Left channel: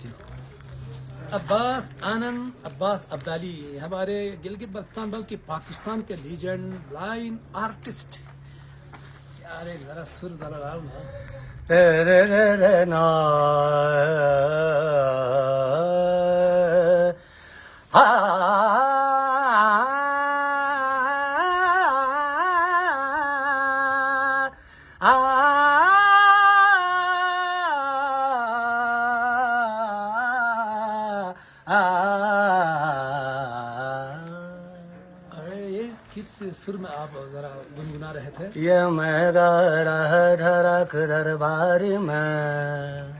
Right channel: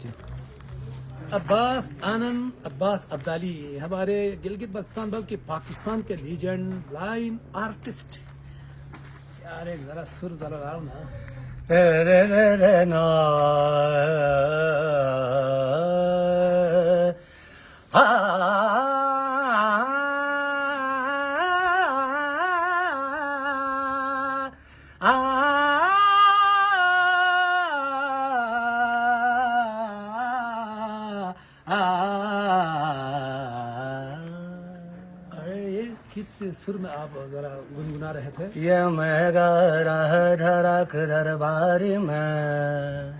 جی. عباس آنند عباس عبدالی ہمارے گلگت بلتستان بلکہ پاکستان کے لیجنڈ لائن آرٹسٹ. یار ایک ذرا سر ذرا لاؤ نا. کس سر میں آپ ذرا گنگنا رہے تھے؟ یہ میں گا رہا دھڑک دربار میں.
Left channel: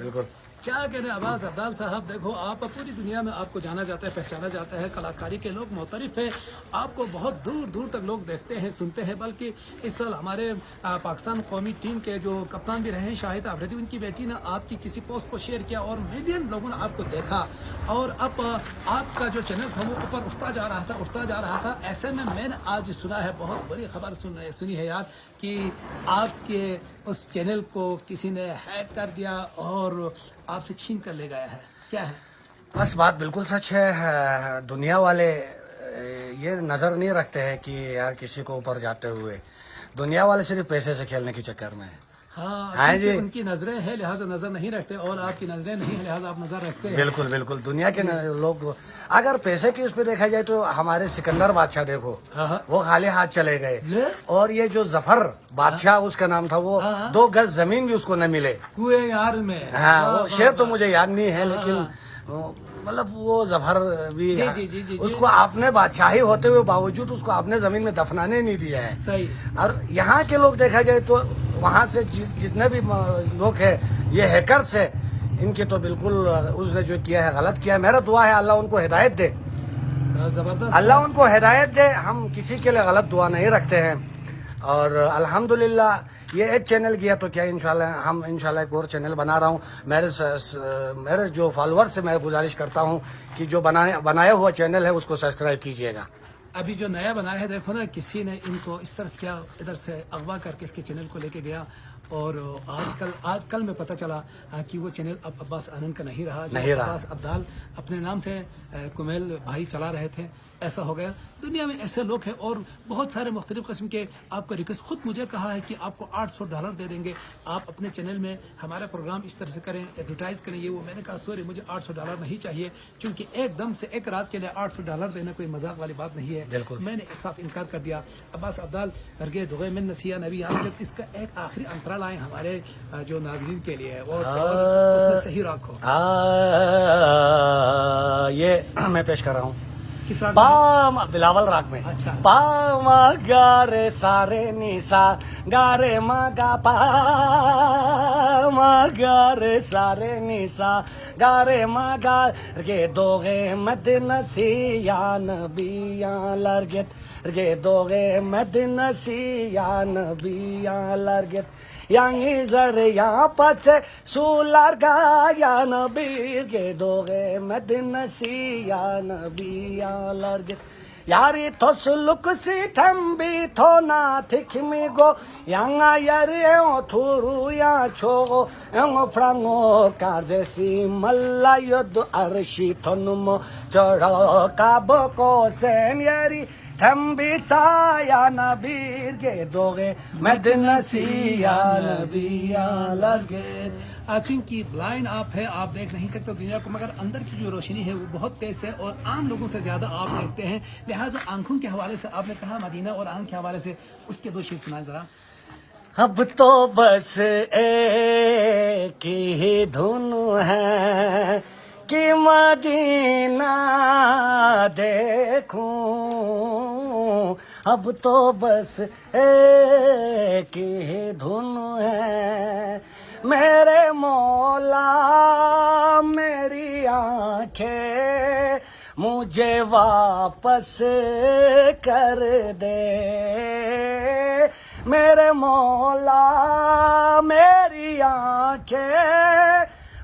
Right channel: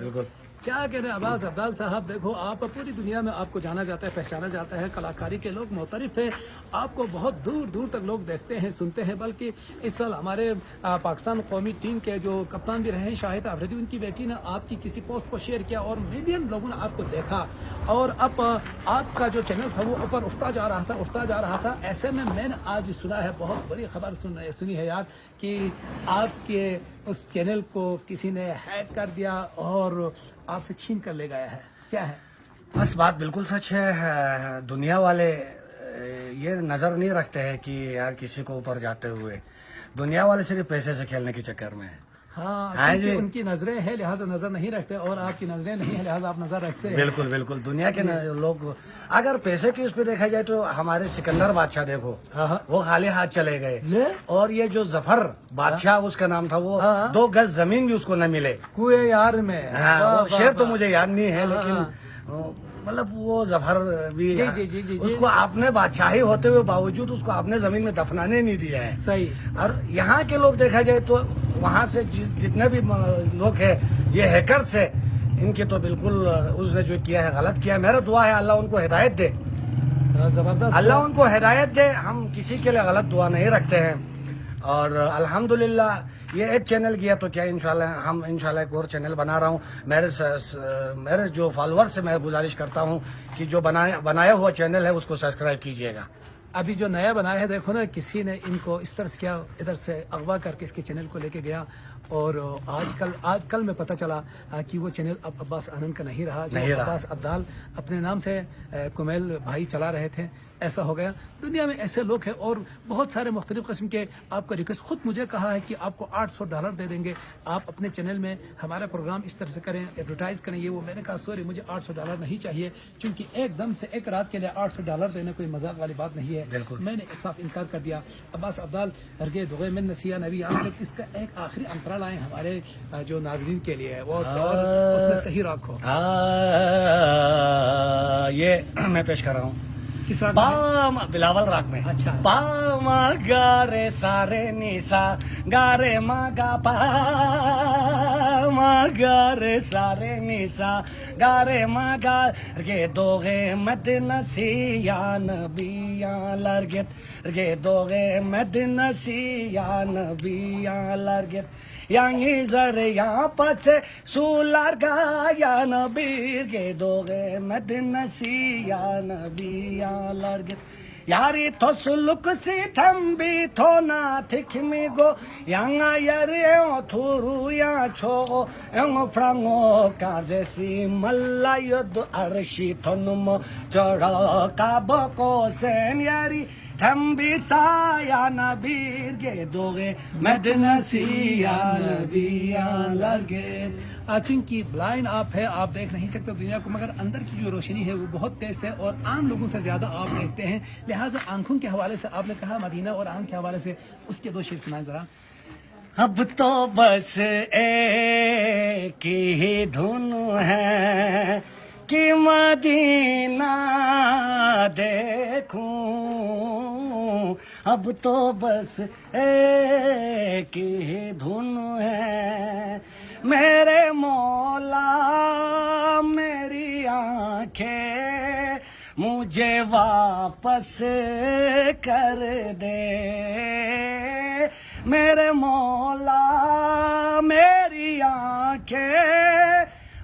بالکل کیا کہنے عباس عبدال صاحب، دیکھو آپ پوری دنیا میں آپ کو جانا جاتا ہے، پہچانا جاتا ہے، کلاکاری کے لوگ معترف ہیں، آپ کو بہت دور دور تک لوگ دیکھتے ہیں، سنتے ہیں. بلکہ اس سال ہمارے پاکستان قومی ٹیم کے جو کپتان بھی رہے ہیں شاہد آفریدی، ان کی بیٹی نے آپ کی کسی پوسٹ کو شیئر کیا اور ملین لوگوں نے آپ کو دیکھا، اور اب آپ کا جو چینل تھا وہ اوپر اٹھتا جا رہا تھا. ایسے میں نے آج سنا ہے، بہت بڑی خبر سنی ہے یار، کہ آپ کے اس چینل کو کسی نے ہیک کر دیا اور آپ سے چھین کر لے گیا ہے. کیا ہے؟ بس بات بالکل سچ ہے. دنیا والے یہ نظر نہیں رکھتے ہیں کہ یار کسی کو اوپر جاتے ہوئے. دنیا والے صرف پیسے سے کھیلنے کے چکر میں ہیں. ہاں جی. کیونکہ ان کی نظریں ہیں لہٰذا نظر نہیں رکھتے، اور آپ کی نظریں نہیں ہیں لہٰذا آپ نظر رکھتے ہیں. بالکل بالکل. دنیا کے لوگ اگر پیسے کی اس پہ دیکھا جائے تو ہمارے سکندر بادشاہ دیکھو، وہ خالی ہاتھ چلے گئے. اور یہ جو ظفر بادشاہ اس کا نام تھا، وہ 2 گز زمین بھی اس کو نہ ملے کوئے یار میں. ہاں وہ شعر تو مجھے یاد نہیں ہے، لیکن مطلب وہ ظفر بھی اس کو آپ نے بادشاہی ہوتے ہوئے باوجود اس کو آپ نے زمین میں دفنانے نہیں دیا ہے. صحیح. اور یہاں کے لوگ دیکھا جائے تو وہاں سے جتنے بھی لوگ ہیں یہ ہیکرز ہیں، ان کے تو بالکل اس نے جو کیا ہے غلط کیا ہے. میرا دعا ہے اللہ ان کو ہدایت دے، زبردست. اللہ ان کو ہدایت دے. ہم کسی کے لیے غلط دعا نہیں رکھتے ہیں. اور الحمدللہ یہ ایک چینل کیا تو کیا انشاءاللہ ایک اور چینل بنا رہا ہوں. میرے جو فالوورز سے میں گزارش کرتا ہوں کہ جو بنایا ہوا چینل ہے اس کو سبسکرائب کیجیے گا. ابھی جو نیا بنایا ہے دیکھو نا، کسی نے ان کو اس طرح سے کیا، ادھر سے اغوا کر کے اس کے چینل کو لے کے گیا، اور آج کل میں پتہ چلا کہ وہ چینل اب عباس آنند کا نہیں رہا، جو عباس عبدال اپنے نام سے کمیل بھائی چلا رہے تھے. ایسا ہو گیا. دنیا میں ایسے لوگ ہیں اور بہت سارے مختلف قسم کے. آپ کا ریکویسٹ خود مجھے کہا ہے کہ آپ کو $800 دے دیں گے، آپ اپنے چینل میں ہمارا پروگرام اس طرح سے کریں، ایڈورٹائز کریں. یہ وہ میں نے کہا سوری مجھے $800 نہیں چاہیے، چونکہ ایک دم سے ایک رات کے لیے $800 دینا کوئی مذاق والی بات نہیں ہے. میں نے صاف انکار کر دیا. عباس عبدال ہرگے دغے من نسیہ نبی آمد، اس کا ایک آخری انترا لائیں ہمارے جو ناظرین کے لیے وہ اس میں صحیح رکھو. یہ میں پیش کر رہا ہوں کس راگ پام بلاول راگ میں. اچھا. پام گارے سارے نیسا گارے مگا پام گارے سارے نیسا گارے مگا رگے دوغے مدنسی یا نبی یا لرگت رگے دوغے مدنسی یا نبی یا لرگت یانگی زر یا پچے سولار گا یا نبی گے دوغے مدنسی یا نبی یا لرگت یاری تو سلک سی تھمبی تو نا تھکمی گو یانگا یاری ایو تھورو یا چھو ایو فرانگو کارجے سی ملا ید عرشی تھنمو چڑھو کابو کو سین یاری تھمبی سا یا نبی گے دوغے مدنسی یا نبی یا لرگت. چونکہ بلائنڈ آپ ہے، آپ دیکھ نہیں سکتے دنیا کو، مگر اندر کی جو روشنی ہے وہ بہت تیز ہے اور عام لوگوں سے زیادہ آپ دیکھتے ہیں. لہٰذا آنکھوں کے حوالے سے آپ نے کہا مدینہ اور آنکھ کے حوالے سے اس کے 2 شعر سنائیں ذرا. اب تو بس ایک ہی دھن ہے کہ مدینہ دیکھوں، اب تو بس ایک ہی دھن ہے میرے مولا میری آنکھیں مجھے واپس کر دے. میرے مولا میری آنکھیں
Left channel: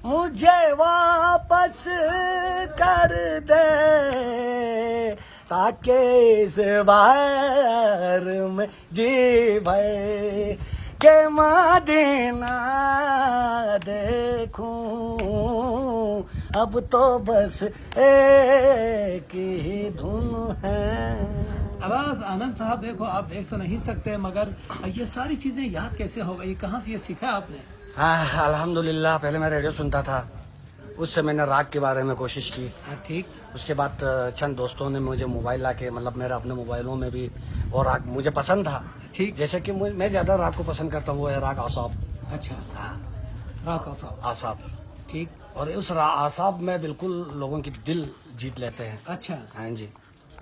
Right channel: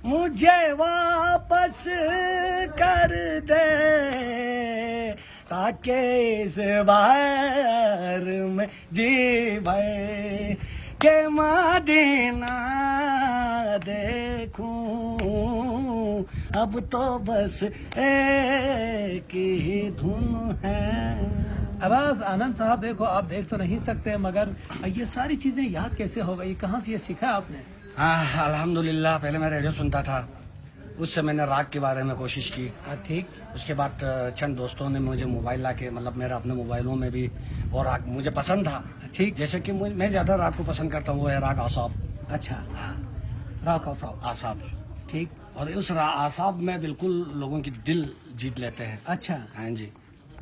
مجھے واپس کر دے تاکہ اس بار میں جی بھر کہ مدینہ دیکھوں اب تو بس ایک ہی دھن ہے. عباس آنند صاحب دیکھو آپ دیکھ تو نہیں سکتے مگر یہ ساری چیزیں یاد کیسے ہو گئی, کہاں سے یہ سیکھا آپ نے؟ ہاں الحمدللہ, پہلے میں ریڈیو سنتا تھا, اس سے میں نے راگ کے بارے میں کوشش کی. ٹھیک. اس کے بعد چند دوستوں نے مجھے موبائل لا کے, مطلب میرے اپنے موبائلوں میں بھی وہ راگ مجھے پسند تھا. ٹھیک. جیسے کہ میں زیادہ راگ کو پسند کرتا ہوں, وہ ہے راگ اعصاب. اچھا, راگ اعصاب. اعصاب. ٹھیک. اور اس اعصاب میں بالکل لوگوں کی دل جیت لیتے ہیں. اچھا. ہاں جی,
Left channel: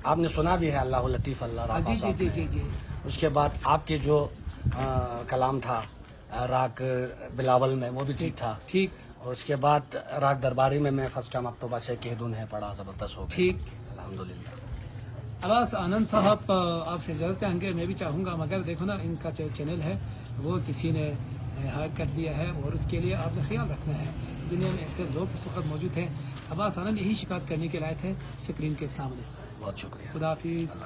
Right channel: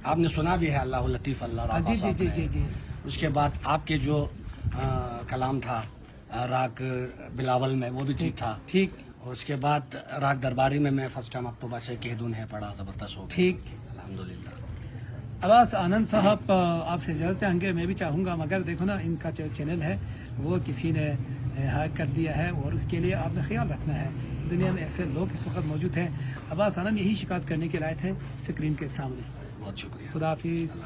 آپ نے سنا بھی ہے اللہ لطیف اللہ راگ جی جی اعصاب جی میں. جی جی. اس کے بعد آپ کے جو کلام تھا راگ بلاول میں, وہ بھی ٹھیک تھا. ٹھیک. اور اس کے بعد راگ درباری میں فرسٹ ٹائم اب تو بس کہہ دوں ہے پڑھا, زبردست ہو گیا. ٹھیک. الحمدللہ. عباس آنند صاحب آپ سے اجازت چاہیں گے, میں بھی چاہوں گا مگر دیکھو نا ان کا جو چینل ہے وہ کسی نے ہیک کر دیا ہے اور اس کے لیے آپ نے خیال رکھنا ہے. دنیا میں ایسے لوگ اس وقت موجود ہیں. عباس آنند یہی شکایت کرنے کے لائق ہے اسکرین کے سامنے. بہت شکریہ. خدا حافظ.